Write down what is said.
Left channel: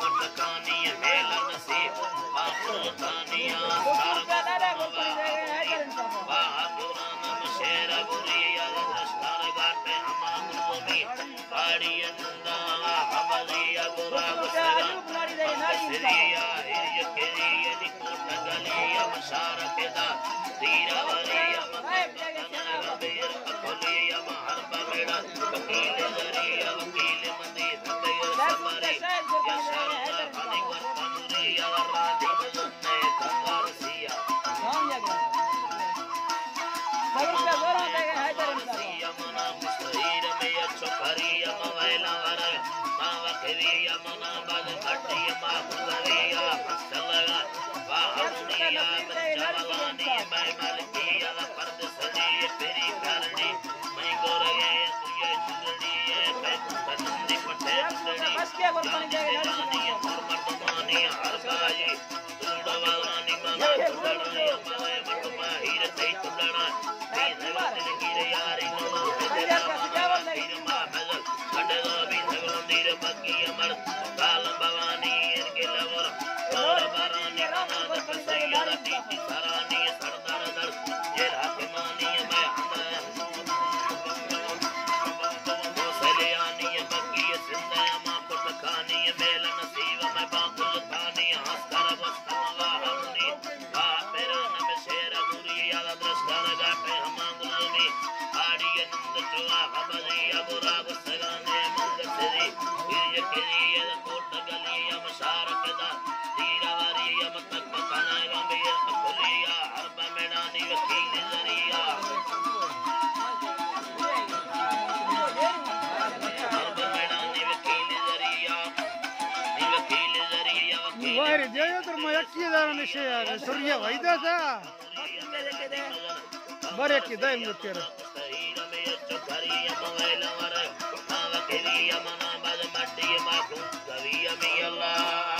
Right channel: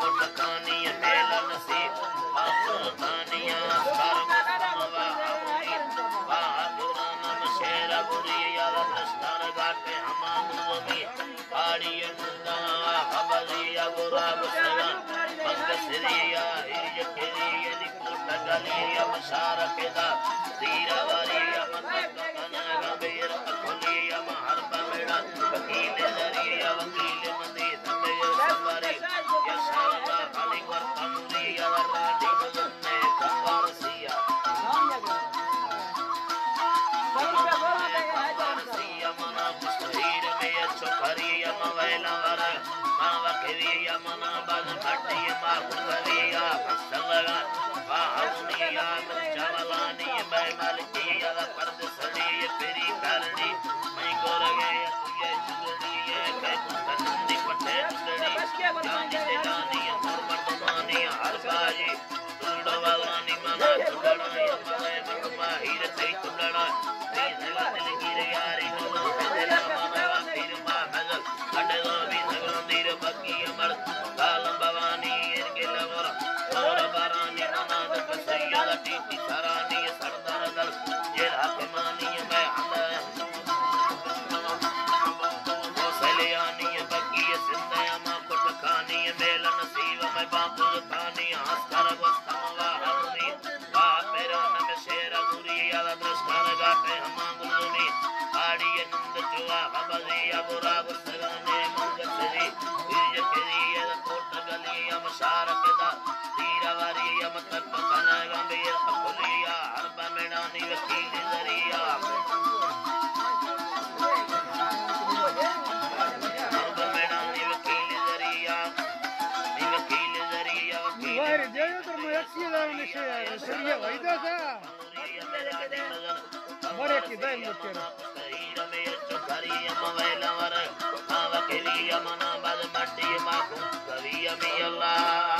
पुटकानी mail नसीब बापुरतानिया सर्ववा वागुरानम शेरा गुरिया दस्तार गाटे हमागुरुमी आड़ियंदा हबलिया गुरा गुसगा मंगसिरिया हिरयकेरिया निकोटगलिया मशारकेदा तीरावरिया मतकनगबीर अकुलिया महरबमेड़ा वकील दरिया वकील मंदी दंदय समरी यशाना हली वर्तमुरिया राधी बदने कंवारसिया मना मुस्तीर में चुकरिया मवैला वर मावकरिया मना बद हड्डिया माहुरिया मसलगा वाहुनिया मजवालानी मैं मलकिया पर्द सड़ी पेरी करनी मैं गोरगे तुझे जुगड़ी है तंदी पटे जुगड़ी जानी दिलानी और मर्दमानी हर बाजी तुड़वानी मना तुड़ना मरे मटमा हीर से तुड़ना बकी अमर कालम भवानी इनके लगोर और बरानी मनाद कसैया टीटी सरानी सरदार दल ये हाकिमानी मैं सलियानी बकी सिंधया मां पुटकानी मेल नसीब मैं बापुर थानी हस्कर वस्तमवा हमनी वा मेरा नम शेरा गुरिया दस्तार गाटे हमागुरुमी आड़ी नंद जुआ हबलिया बुरा गुसगाने मंगसरी हिरयकेरिया कोटगलिया मशारकदा तीरावरिया मतकनगबीर अकुलिया हरबमेड़ानी वकील दरिया हरबमेड़ानी वकील दरिया वार जेयो तो मयक्सीदार निशया सरिया वैदा सा बरे की दय मुतेरा हीरा में चुकरिया मवैला वर नावकरिया मना बद मट्टी माखुं कविया में अल्लाह